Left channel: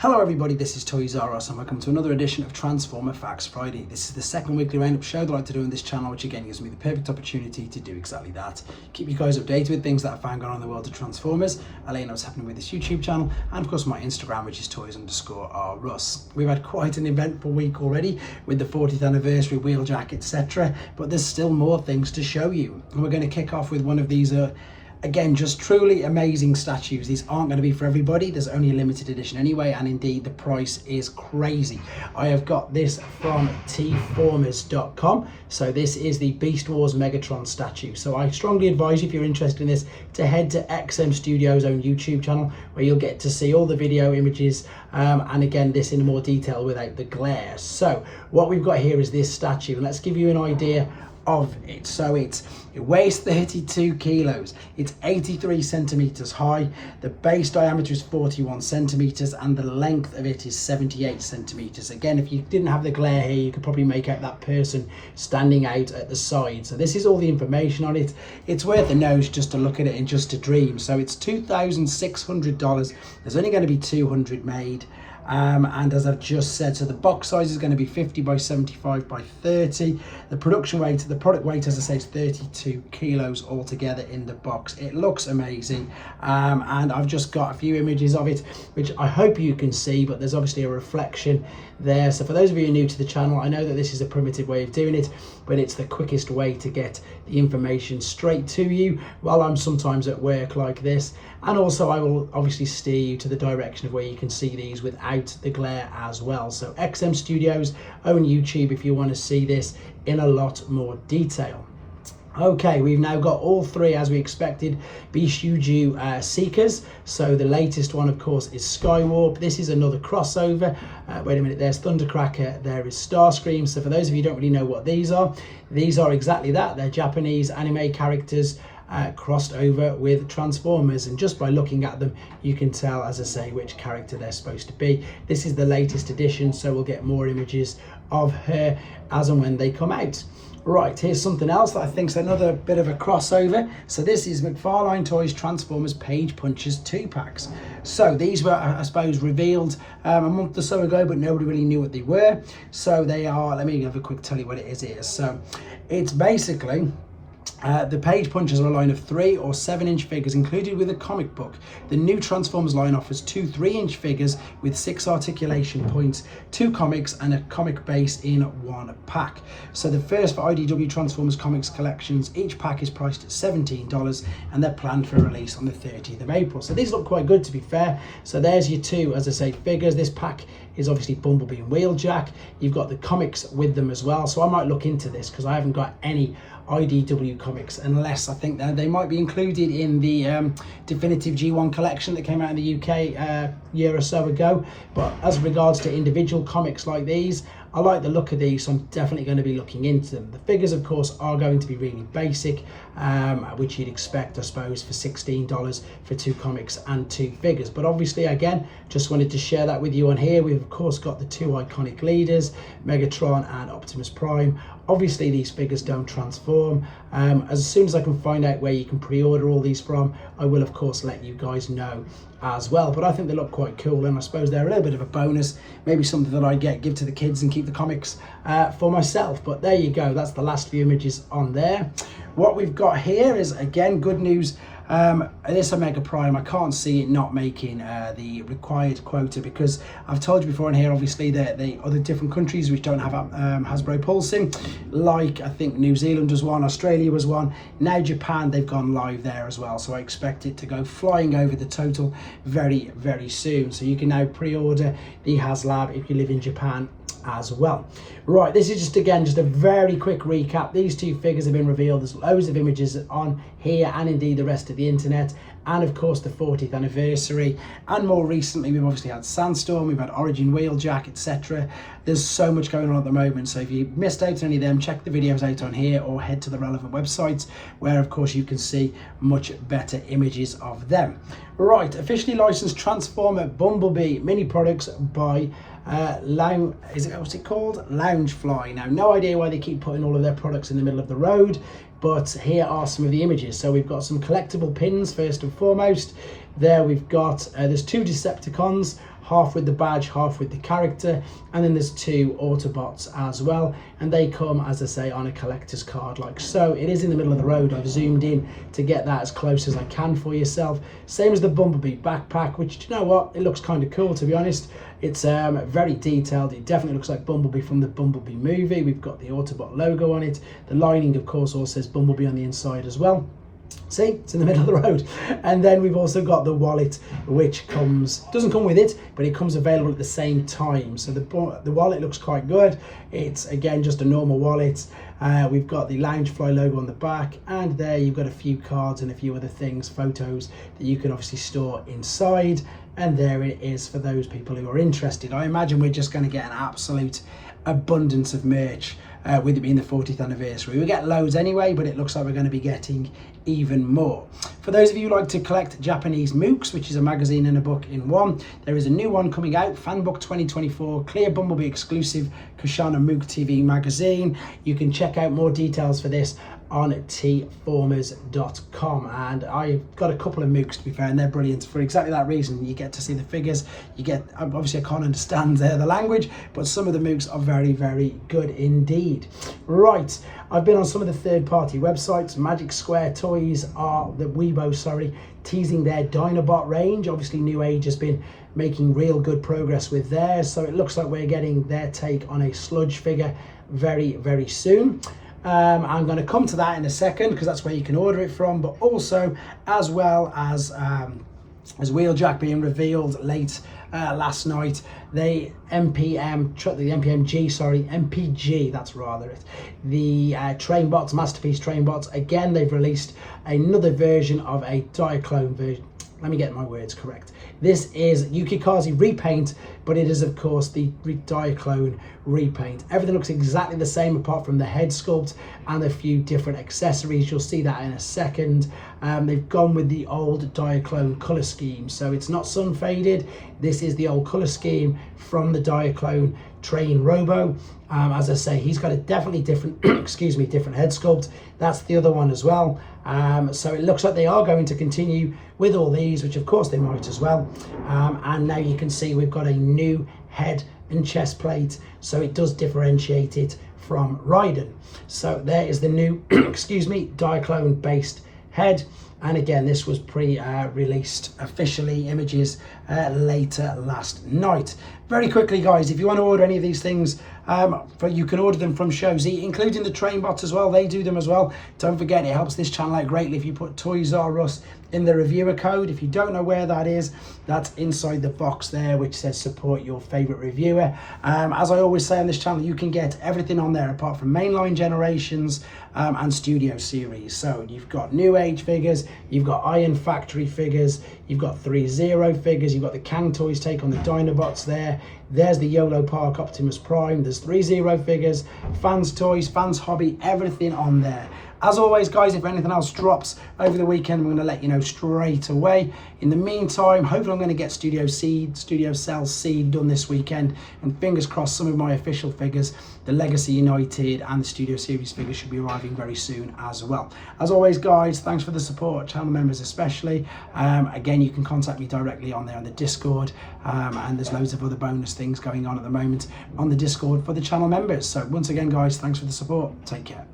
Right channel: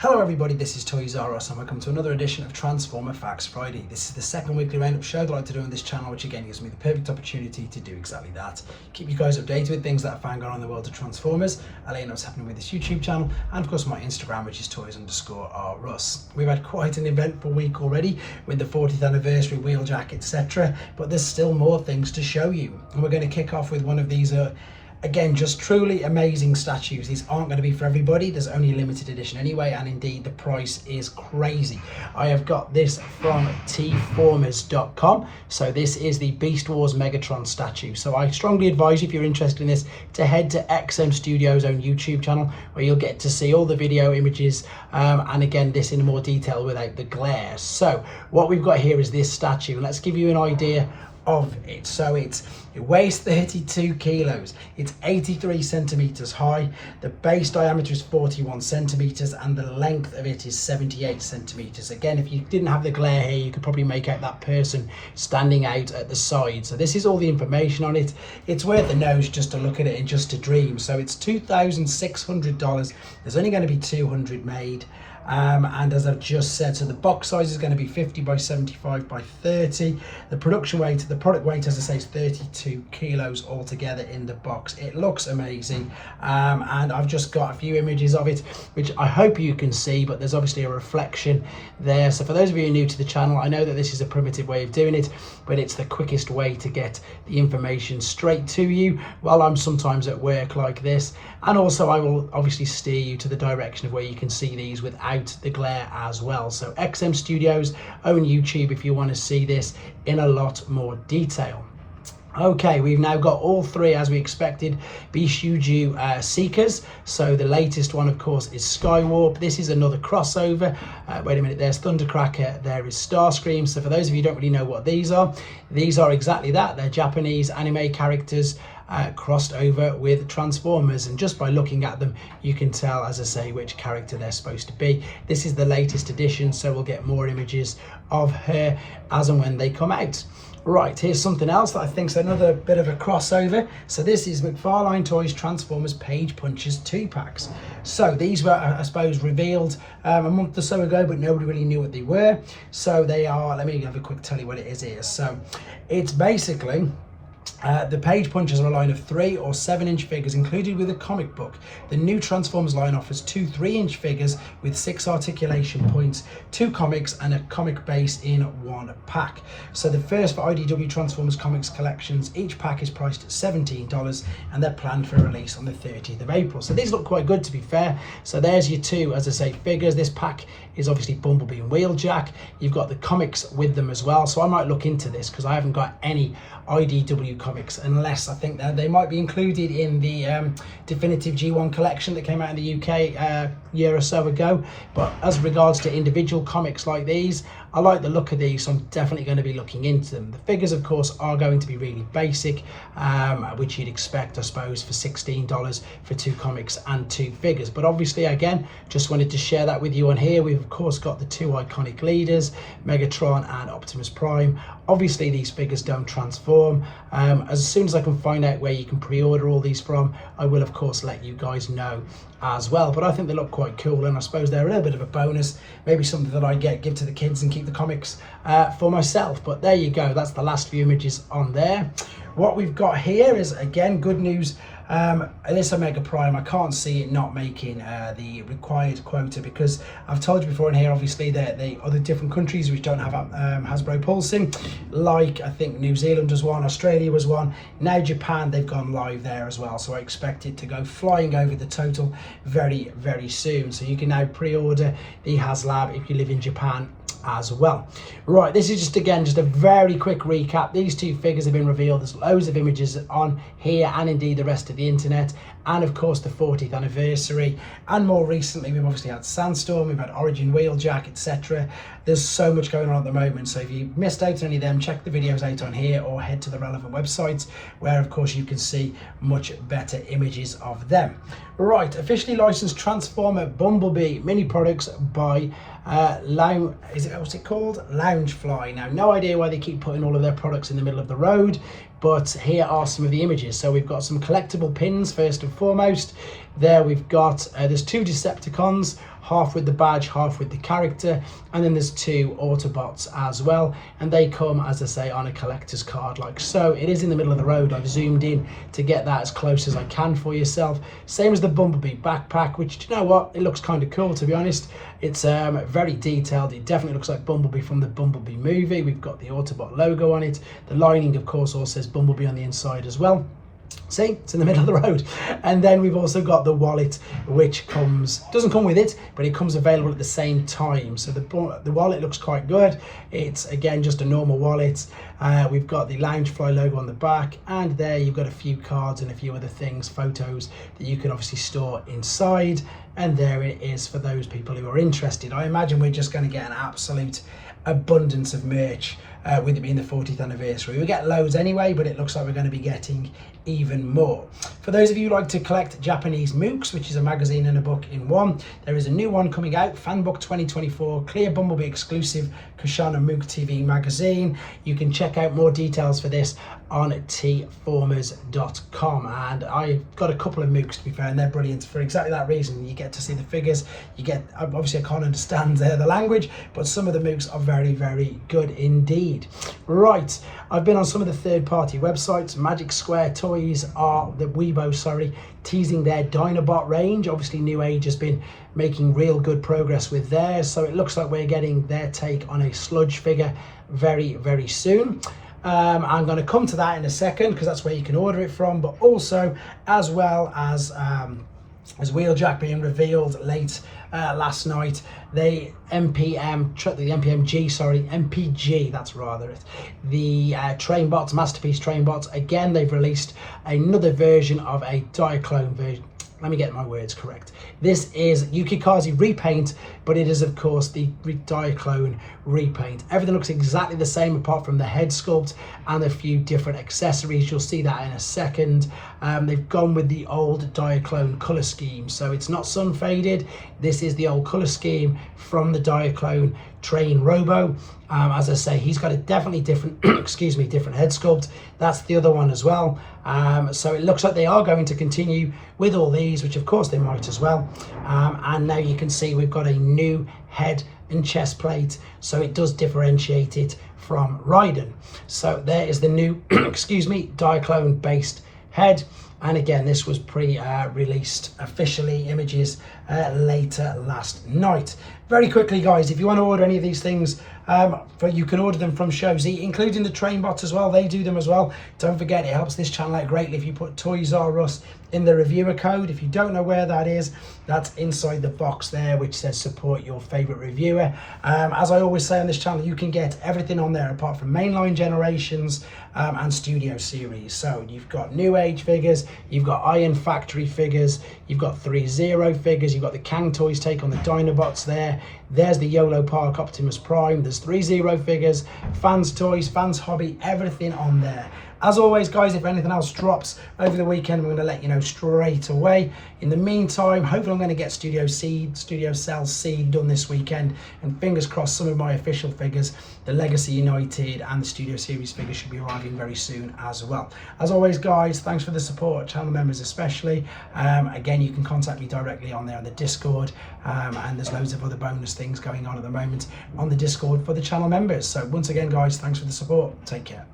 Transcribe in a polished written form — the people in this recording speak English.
Hello everybody, this is Toys R Us and welcome to another edition of Transformer Facts Friday. This is the second weekly roundup show that I like to do on this channel, which again gives me the perfect opportunity to do exactly that. Keep you guys updated with things that I find going on in the world of Transformers. I'll let you know what's happening with this YouTube channel and of course my Instagram, which is toys_rus. We've had quite an eventful week already with the 40th anniversary, Wheeljack, etc. But there's still more things to show you. And we're going to kick off with one of these again, just truly amazing statues. These aren't going to be for everybody. There's only a limited edition anyway, and indeed the price is crazy. I have got this from tformers.com. So this is the Beast Wars Megatron statue. So I strongly advise you, if you're interested in this, to head to XM Studio's own YouTube channel, where you'll get to see all the video images and again this in more detail without the glare. So what we've got here is this statue, and let's give you an idea of it. So it weighs 32 kilos, it's 83 centimeters high, the base diameter is 41 centimeters, and the length of it is 78 centimeters. Again, if you didn't have the glare here, you could probably make out that person standing out at the side. So this is all the information on it. It's worth a nose just to look at it and just to dream. So it's $2,600. There's only going to be 200 made. And as I've just said, so the box size is going to be 50 by 75 by 30. The production weight, the product weight, as I say, is 32 kilos altogether in the box. It looks amazing, and I've just got a few images of it, which I hope you can see, but there's obviously a reflection there. So for those of you new to the channel, I know that this is a primitive way of doing it, but it's the quickest way to get the information straight to you while I'm sometimes at work like this. And also I will obviously steer you to the direction of where you can see these without the glare as well. So XM Studios own YouTube if you want to see this in a lot more detail. Okay, we've now got all three, as we expected, Bishoujo Seekers. So the latest one, of course, is Skywarp. This is another crossover. Wait a minute, there's Thundercracker, there is Starscream. So for those of you who don't really know what these are exactly that. They're Japanese anime characters crossed over with Transformers, and just by looking at them you can tell, as I say, which character they're supposed to be. This is the latest edition, so we'll get more images of her as and when they come out. Right, here's something else that I think is another bit of a crossover. So this is McFarlane Toys Transformers Page Punchers 2-packs. So these were, I suppose, revealed a month or so ago, but nobody really knew what they were. So they are, let me have a quick tell you what it is here. So it's basically the Page Punchers are a line of 3 or 7-inch figures included with a comic book. The new Transformers line offers 2 3-inch figures with 6 articulation points, 2 comics and a comic base in one pack. So the first for IDW Transformers comics collections, each pack is priced at $17 and they're planned for release on the 30th of April. So these look quite good, to be fair. So there's your 2, as I say, figures. This pack is obviously Bumblebee and Wheeljack. You've got the comics with them as well. So I might look into this because I haven't got any IDW comics, unless I think that they might be included in the definitive G1 collection that came out in the UK a year or so ago. But as regards to individual comics like these, I like the look of these, so I'm definitely going to be looking into them. The figures, of course, are going to be really basic, which you'd expect, I suppose, for $16 for 2 comics and 2 figures. But obviously, again, just wanted to share that with you on here. We've, of course, got the 2 iconic leaders, Megatron and Optimus Prime. Obviously, these figures don't transform. As soon as I can find out where you can pre-order all these from, I will, of course, let you guys know as well. But I think they look quite cool, and I suppose they're a little bit of a bonus, maybe something that I give to the kids and keep the comics for myself. But there you go, that's the last few images on there. What we've got here is, again, good news. This Omega Prime, I can't see it not making the required quota, because I've told you before in here, obviously, that the other different countries which don't have Hasbro Pulsing, like I think New Zealand was one, Australia was one, now Japan, they've gone live there as well. So I expect it to go flying over the total very, very soon. So you can now pre-order the HasLab if you live in Japan as well. Right, this is just a very quick recap. These 2 figures have been revealed. There's loads of images on here and indeed the rest of the internet, and of course the 40th anniversary, and more recently we've obviously had Sandstorm, we've had Origin Wheeljack, etc. There's so much going on at the moment, so if you missed out on any of them, check the videos out on here or head to the relevant websites, where of course you can see much better images of them. Right, officially licensed Transformer Bumblebee mini products by what's it called? Loungefly. Now, no idea why they keep putting all of their products in the middle of the road, but here are some of the images. So we've got some collectible pins first and foremost. There we've got, there's 2 Decepticons half with the badge, half with the character, and then there's 2 Autobots as well, and they come, as I say, on a collector's card like so. It is in the middle of the road. I've zoomed in to get that as close as I can for yourself. Same as the Bumblebee backpack, which, do you know what, it looks kind of cool, to be honest. It's very detailed. It definitely looks like Bumblebee from the Bumblebee movie. We've got the Autobot logo on it. The lining, of course, also says Bumblebee on the inside as well. See, it's in the middle of the road. And then we've also got the wallet, which doesn't come with it, but it comes available at the same time. So the wallet looks quite good. It's, again, just a normal wallet. We've got the Loungefly logo on the back, and there you've got a few cards and a few other things, photos that you can obviously store inside. And there it is for those people who are interested. I imagine we're just going to get an absolute abundance of merch with it being the 40th anniversary. We get loads anyway, but it looks like we're going to be getting even more. For those of you who like to collect Japanese mooks, which is a magazine and a book in one, there is a new one coming out, Fanbook 2024, Clear Bumblebee exclusive Kushana Mook TV magazine. You can check out more details for this on tformers.com, and I've got a couple of mooks, to be fair, and they're brilliant for exactly that reason. You get to see the figures, you get, obviously I can't understand the language, but some of the mooks are very, very good indeed. Right, I've been on some of the third-party websites. Magic Square Toys are teasing their Dinobot range. Obviously New Age has been making real good progress with theirs, so it looks like we're getting their take on a sludge figure very, very soon. I'm going to come to that in a second, because that's where you can order it from, but also as well as Wheeljack being revealed late last night, the MPG, that's rather it, the trainbots, Masterpiece trainbots. Again, they've released another version of a Diaclone version. Let me get my words correct. This is Yukikaze repaint, but it is, of course, the Diaclone repaint. Everything looks exactly the same apart from the head sculpt and a few different accessories. You'll see that in a second. They've gone with the old Diaclone colour scheme, so it's not sun faded. This is the old colour scheme from the Diaclone Train Robo. As I say, he's got a definitely different, different head sculpt. That's the other one as well. So it looks like they are going to continue with all these, which of course they might as well. And now you can see we've got a new head and chest plate, so it does differentiate it from Raiden. So there is the new, Diaclone based head. And again, this was pre-released officially, images later last night. Very quickly, guys, if you want to order any of these things, you can order them from Shozy, including the trainbots as well. They do them as well. Don't forget, it helps this channel out greatly if you put Toys R Us in the reviewer code. If you don't know where that is, that's inside the box there, which says support your favorite reviewer. As I always say on this channel, you can get everything on there apart from mainline generations and studio series. So you've got New Age figures, you've got Iron Factory figures, you've got 3-0 figures, you've got the Kang Toys take on the Dinobots there. There's the YOLO Park Optimus Prime. There's 3-0 figures, Fans Toys, Fans Hobby, everything on there. As always, guys, if anything else drops over the weekend, I'm going to let you know straight away. In the meantime, hopefully I'm going to get Studio Cell Seed done this weekend. And fingers crossed, some of my official figures, the Legacy United and the Studio Series figures, should be arriving very soon as well. As always, guys, thanks for the support, channel members especially. Again, you can contact me directly on there on the Discord. And there's loads of other bonus things going on at the moment on the Discord for the channel members. So once again, guys, thanks for the support. Take care.